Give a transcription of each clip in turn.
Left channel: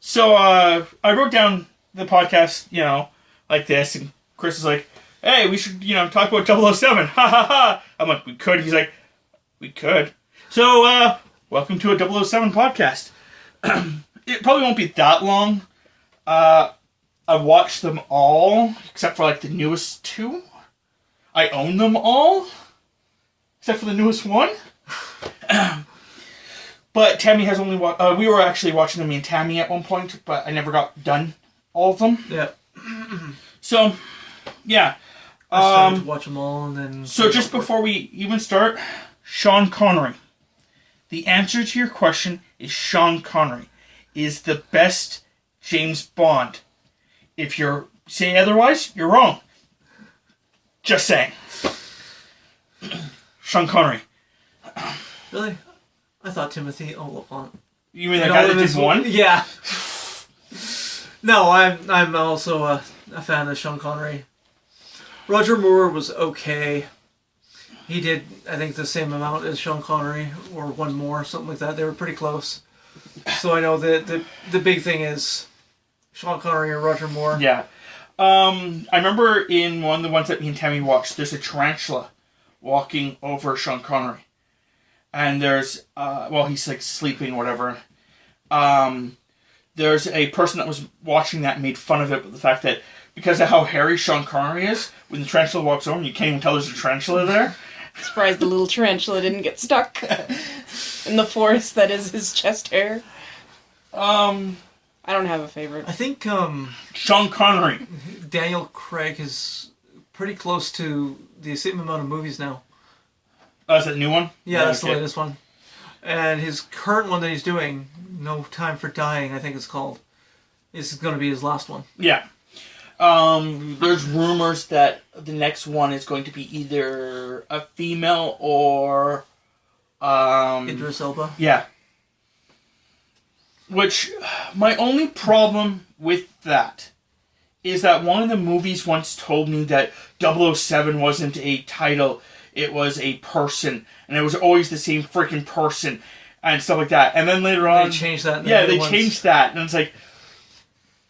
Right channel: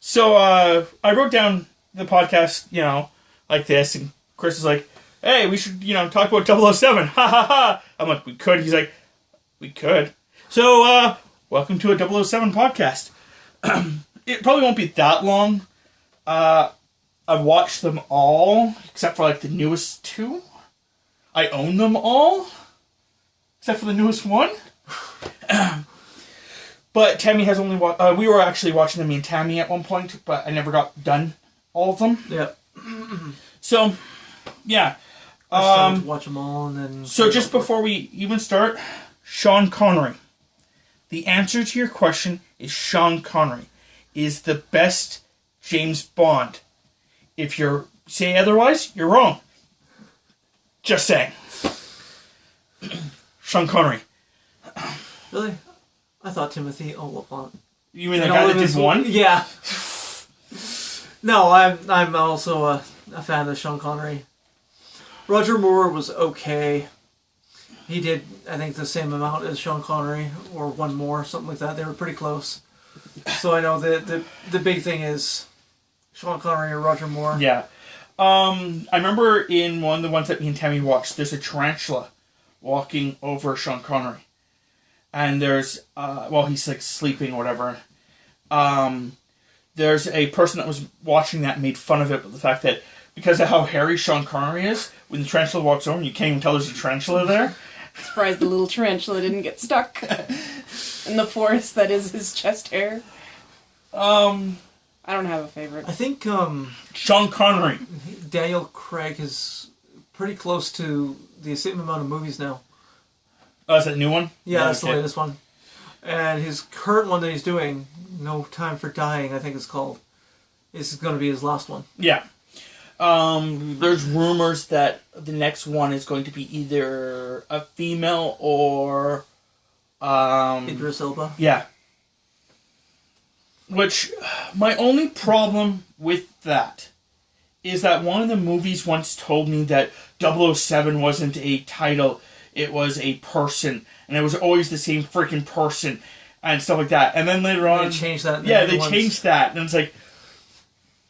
So I wrote down the podcast, like this, and Chris is like, hey, we should, talk about 007. Ha ha ha. I'm like, we could. He's like, we could. So, welcome to a 007 podcast. It probably won't be that long. I've watched them all, except for, like, the newest two. I own them all, except for the newest one. But Tammy has only watched... we were actually watching them, me and Tammy, at one point, but I never got done all of them. Yeah. So, yeah. I started to watch them all, and then... So just before we even start, Sean Connery. The answer to your question is Sean Connery is the best James Bond. If you say otherwise, you're wrong. Just saying. Sean Connery. Really? I thought Timothy Olyphant. You mean the guy that did one? Yeah. No, I'm also a fan of Sean Connery. Roger Moore was okay. He did, I think, the same amount as Sean Connery, or one more, something like that. They were pretty close. So I know the big thing is Sean Connery and Roger Moore. Yeah. I remember in one of the ones that me and Tammy watched, there's a tarantula walking over Sean Connery. And there's, he's like sleeping or whatever. There's a person that was watching that and made fun of it with the fact that because of how hairy Sean Connery is, when the tarantula walks over, you can't even tell there's a tarantula there. Surprised the little tarantula didn't get stuck in the forest that is his chest hair. I don't have a favorite. I think Sean Connery. Daniel Craig is pretty close to the same amount of movies now. Oh, is that a new one? Yeah, that's the latest one. And his current one that he's doing, No Time for Dying, I think it's called, is going to be his last one. Yeah. There's rumors that the next one is going to be either a female or... Idris Elba? Yeah. Which, my only problem with that is that one of the movies once told me that 007 wasn't a title, it was a person, and it was always the same freaking person, and stuff like that. And then later on... They changed that. Changed that, and it's like...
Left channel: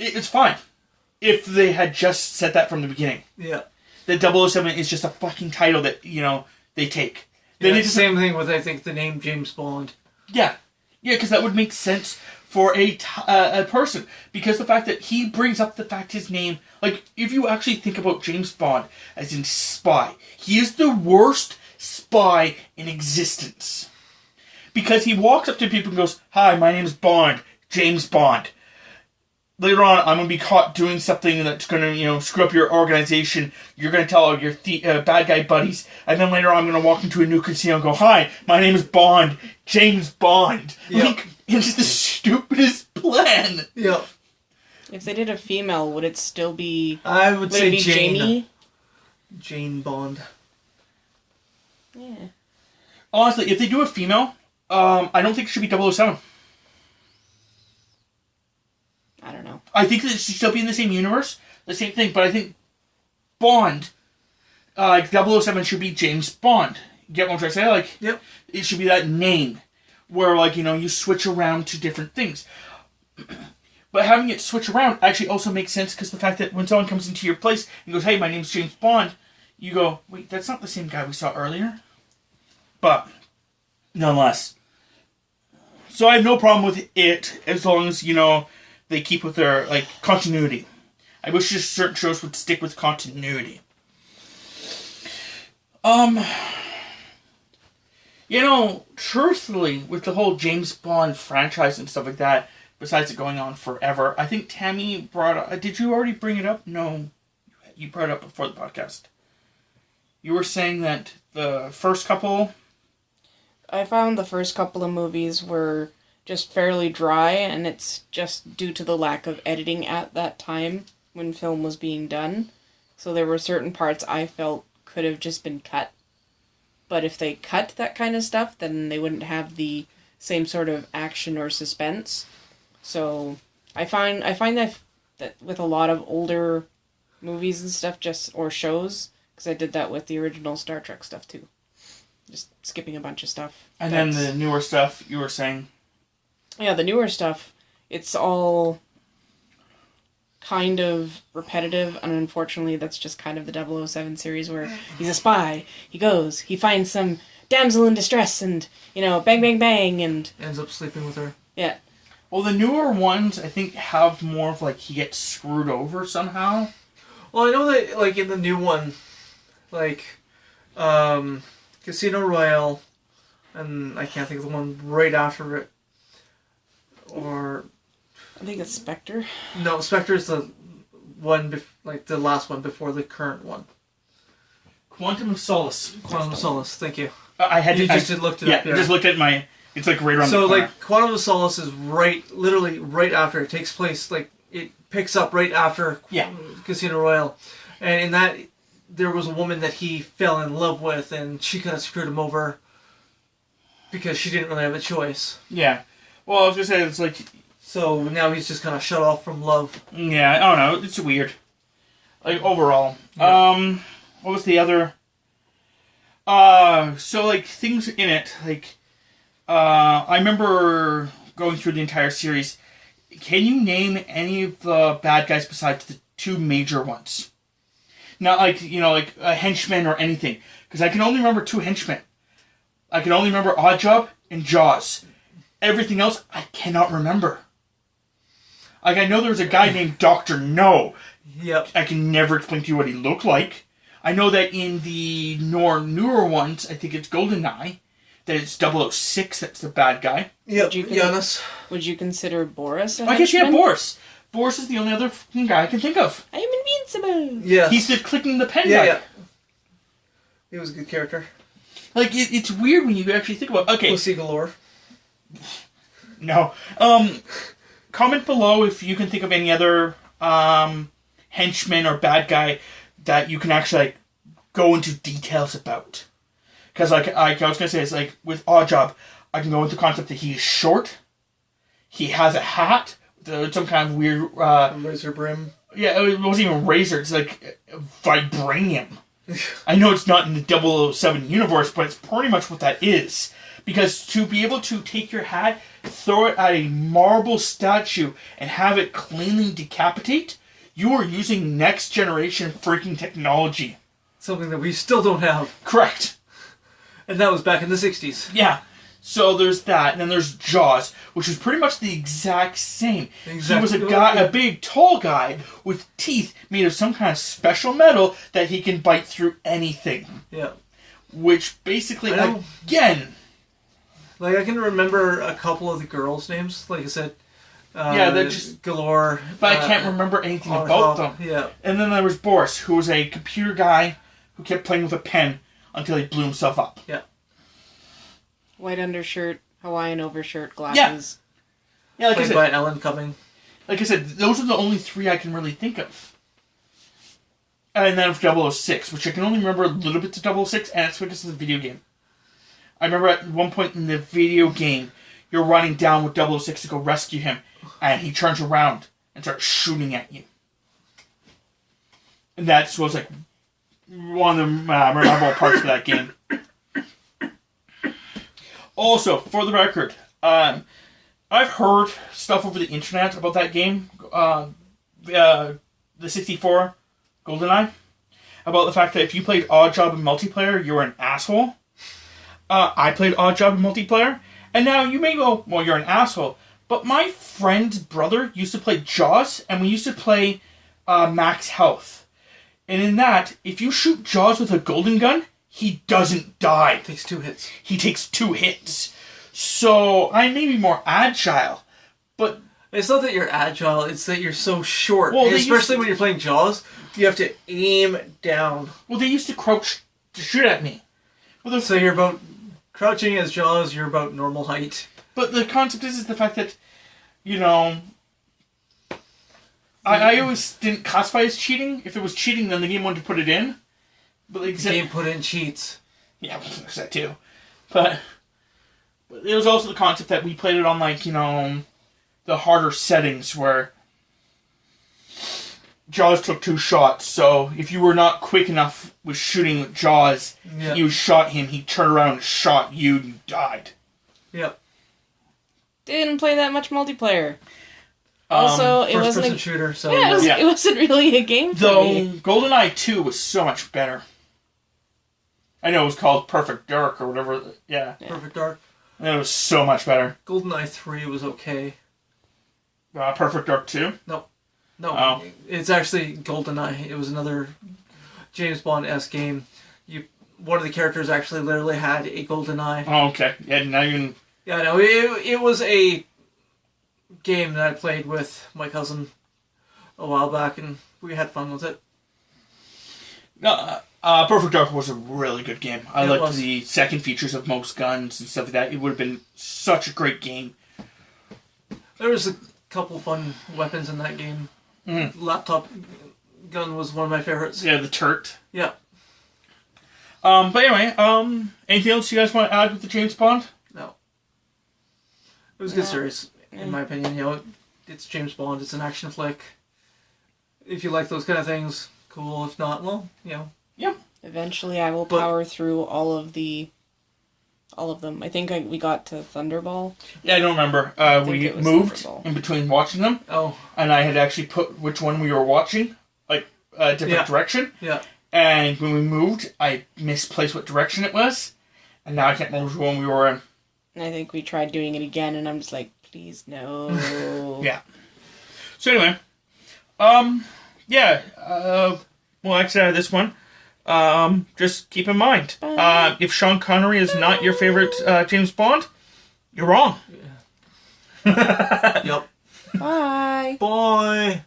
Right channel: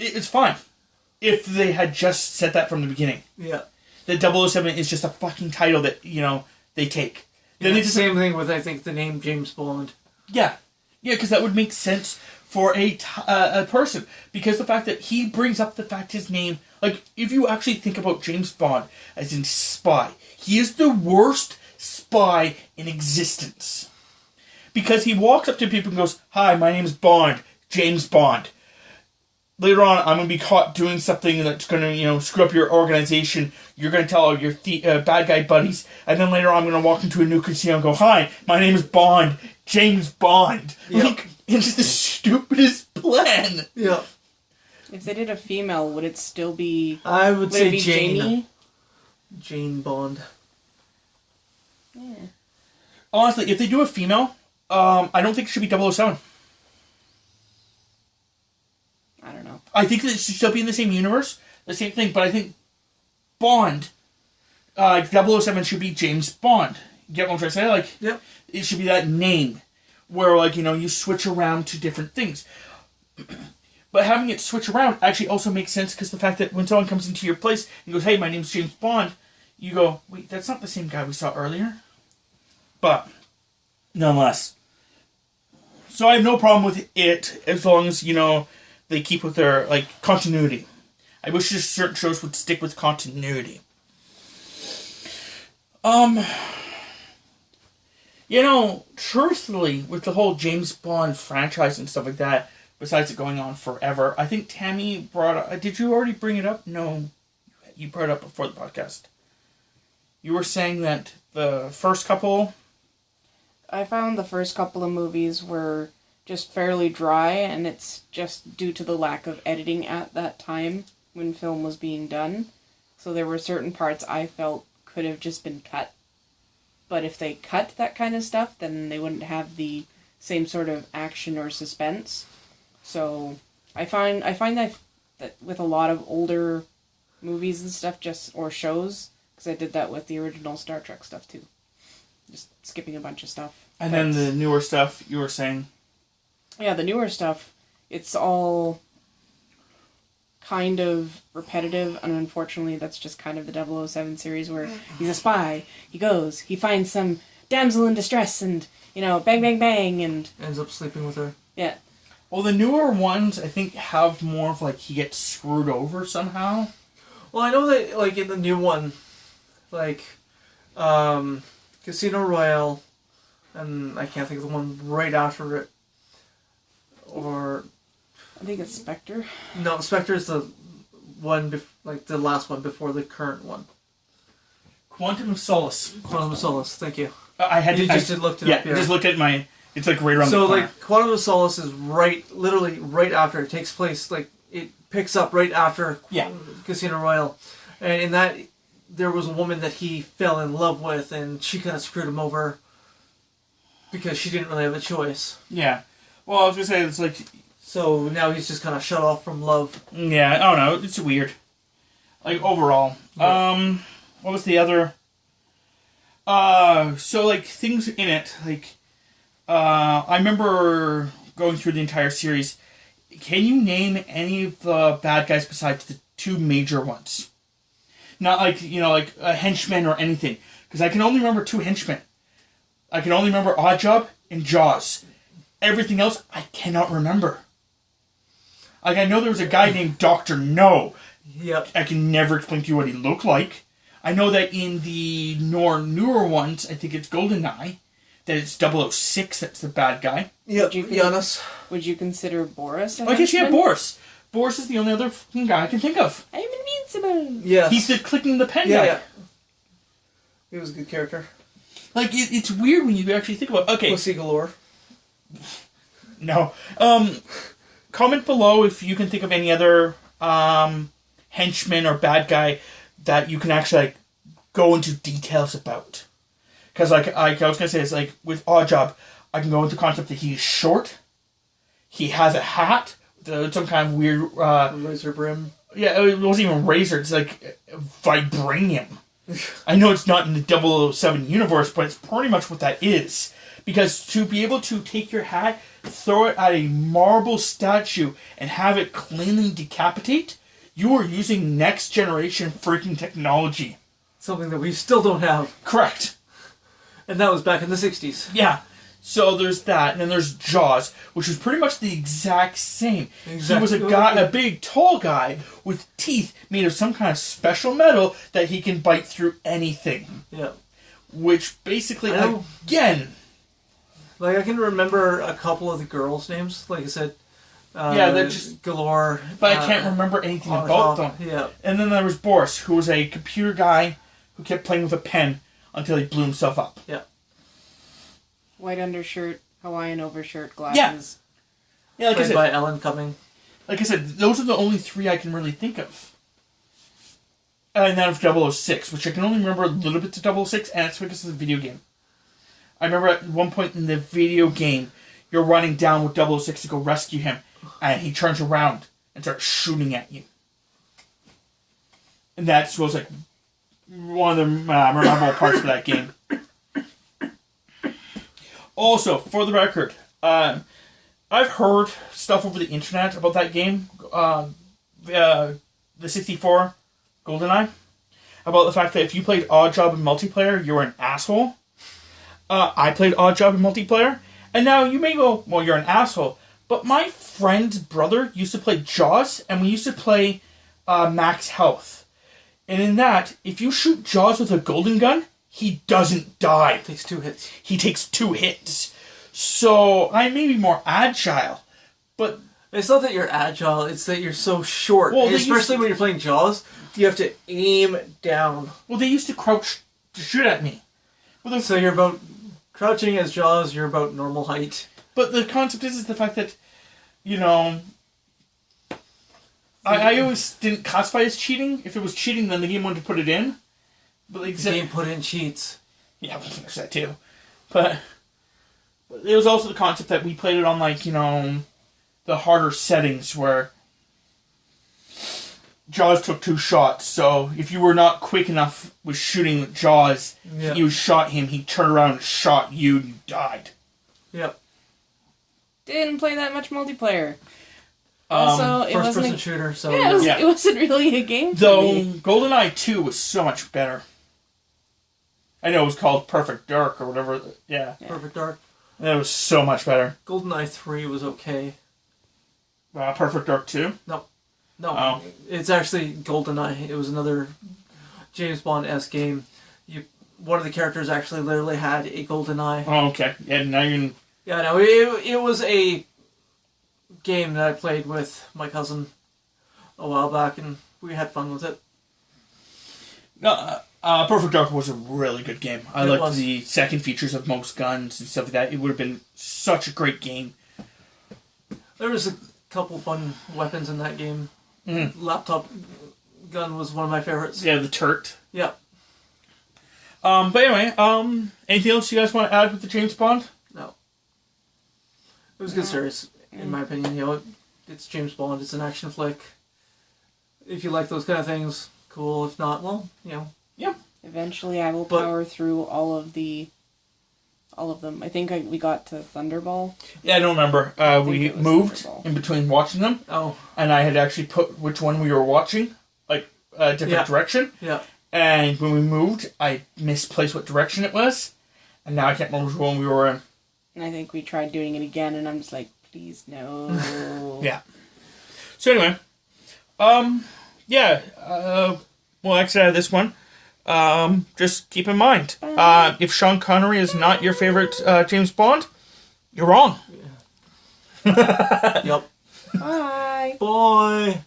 It's fine. If they had just said that from the beginning. Yeah. That 007 is just a fucking title that, they take. Then it's the same thing with, I think, the name James Bond. Yeah. Yeah, because that would make sense for a person. Because the fact that he brings up the fact his name... Like, if you actually think about James Bond as in spy, he is the worst spy in existence. Because he walks up to people and goes, "Hi, my name's Bond. James Bond. Later on, I'm going to be caught doing something that's going to, screw up your organization. You're going to tell all your bad guy buddies. And then later on, I'm going to walk into a new casino and go, "Hi, my name is Bond. James Bond." Yep. Like, it's the stupidest plan. Yeah. If they did a female, would it still be... I would say be Jane. Jamie? Jane Bond. Yeah. Honestly, if they do a female, I don't think it should be 007. I don't know. I think that it should still be in the same universe, the same thing, but I think Bond, 007 should be James Bond. Get what I'm trying to say? Like, yep. It should be that name, where, like, you switch around to different things. But having it switch around actually also makes sense, because the fact that when someone comes into your place and goes, "Hey, my name's James Bond," you go, "Wait, that's not the same guy we saw earlier." But, nonetheless. So I have no problem with it, as long as, they keep with their, continuity. I wish just certain shows would stick with continuity. Truthfully, with the whole James Bond franchise and stuff like that, besides it going on forever, I think Tammy brought up... Did you already bring it up? No. You brought it up before the podcast. You were saying that the first couple... I found the first couple of movies were just fairly dry, and it's just due to the lack of editing at that time when film was being done. So there were certain parts I felt could have just been cut. But if they cut that kind of stuff, then they wouldn't have the same sort of action or suspense. So I find that with a lot of older movies and stuff, or shows, because I did that with the original Star Trek stuff too. Just skipping a bunch of stuff. And then the newer stuff you were saying. Yeah, the newer stuff, it's all kind of repetitive, and unfortunately that's just kind of the 007 series where he's a spy, he goes, he finds some damsel in distress, and, bang, bang, bang, and... Ends up sleeping with her. Yeah. Well, the newer ones, I think, have more of, he gets screwed over somehow. Well, I know that, in the new one, Casino Royale, and I can't think of the one right after it, or... I think it's Spectre. No, Spectre's the one, the last one before the current one. Quantum of Solace. Quantum of Solace, thank you. I had You to... just looked it up, yeah. just look at my... It's, right around the So, corner. Quantum of Solace is literally right after. It takes place, it picks up right after Casino Royale. And in that, there was a woman that he fell in love with, and she kind of screwed him over because she didn't really have a choice. Yeah. Well, I was going to say, it's So now he's just kind of shut off from love. Yeah, I don't know. It's weird. Overall. Yeah. What was the other... things in it, I remember going through the entire series. Can you name any of the bad guys besides the two major ones? Not a henchman or anything. Because I can only remember two henchmen. I can only remember Oddjob and Jaws. Everything else, I cannot remember. I know there was a guy named Dr. No. Yep. I can never explain to you what he looked like. I know that in the newer ones, I think it's GoldenEye, that it's 006 that's the bad guy. Yep, Giannis. Would you consider Boris a I guess, henchman? Boris. Boris is the only other fucking guy I can think of. I am invincible! Yeah. He's the clicking the pen Yeah, guy. yeah. He was a good character. It's weird when you actually think about it. Okay. Pussy galore. No. Comment below if you can think of any other henchman or bad guy that you can actually go into details about. Because I was going to say, it's with Oddjob, I can go into the concept that he's short, he has a hat, some kind of weird... razor brim. Yeah, it wasn't even razor, it's vibranium. I know it's not in the 007 universe, but it's pretty much what that is. Because to be able to take your hat, throw it at a marble statue, and have it cleanly decapitate, you are using next generation freaking technology. Something that we still don't have. Correct. And that was back in the 60s. Yeah. So there's that, and then there's Jaws, which is pretty much the exact same. He was a big, tall guy with teeth made of some kind of special metal that he can bite through anything. Yeah. Which basically, again... I can remember a couple of the girls' names, like I said. They're just... Galore. But I can't remember anything about them. Yeah. And then there was Boris, who was a computer guy who kept playing with a pen until he blew himself up. Yeah. White undershirt, Hawaiian overshirt, glasses. Yeah, Played by Ellen Cumming. Like I said, those are the only three I can really think of. And then of 006, which I can only remember a little bit to 006, and it's because of the video game. I remember at one point in the video game, you're running down with 006 to go rescue him, and he turns around and starts shooting at you. And that was one of the memorable parts of that game. Also, for the record, I've heard stuff over the internet about that game, the 64 GoldenEye, about the fact that if you played Oddjob in multiplayer, you were an asshole. I played Oddjob in multiplayer, and now you may go, well, you're an asshole. But my friend's brother used to play Jaws, and we used to play Max Health. And in that, if you shoot Jaws with a golden gun, he doesn't die. Takes 2 hits. He takes 2 hits. So I may be more agile, but... It's not that you're agile, it's that you're so short. Well, especially when you're playing Jaws, you have to aim down. Well, they used to crouch to shoot at me. Well, so you're about... Crouching as Jaws, you're about normal height. But the concept is the fact that, I always didn't classify as cheating. If it was cheating, then the game wanted to put it in. But the game put in cheats. Yeah, there's that too. But there was also the concept that we played it on, the harder settings where Jaws took 2 shots, so if you were not quick enough with shooting with Jaws, Yeah. you shot him, he turned around and shot you, and you died. Yep. Didn't play that much multiplayer. Also, it First wasn't. person shooter, so Yeah, Yeah. it wasn't really a game for Though me. GoldenEye 2 was so much better. I know it was called Perfect Dark or whatever. Yeah, Perfect Dark. it was so much better. GoldenEye 3 was okay. Perfect Dark 2? No, Oh. it's actually GoldenEye. It was another James Bond-esque game. One of the characters actually literally had a golden eye. Oh, okay. Yeah, now you... Yeah, no, it was a game that I played with my cousin a while back, and we had fun with it. Perfect Dark was a really good game. I It liked was. the second features of most guns and stuff like that. It would have been such a great game. There was a couple fun weapons in that game. Mm. Laptop gun was one of my favorites. Yeah, the turret. Yeah. But anyway, anything else you guys want to add with the James Bond? No. It was a good series, in my opinion. You know, it's James Bond. It's an action flick. If you like those kind of things, cool. If not, well, you know. Eventually, I will But- power through all of them. I think we got to Thunderball. Yeah, I don't remember. think We it was moved Thunderball. in between watching them, Oh, and I had actually put which one we were watching, like a different Yeah. direction. yeah. And when we moved, I misplaced what direction it was, and now I can't remember which one we were in. And I think we tried doing it again, and I'm just like, please no. Yeah. So anyway, we'll exit out of this one. Just keep in mind, if Sean Connery is not your favorite James Bond, you're wrong. Yep. Bye. Bye.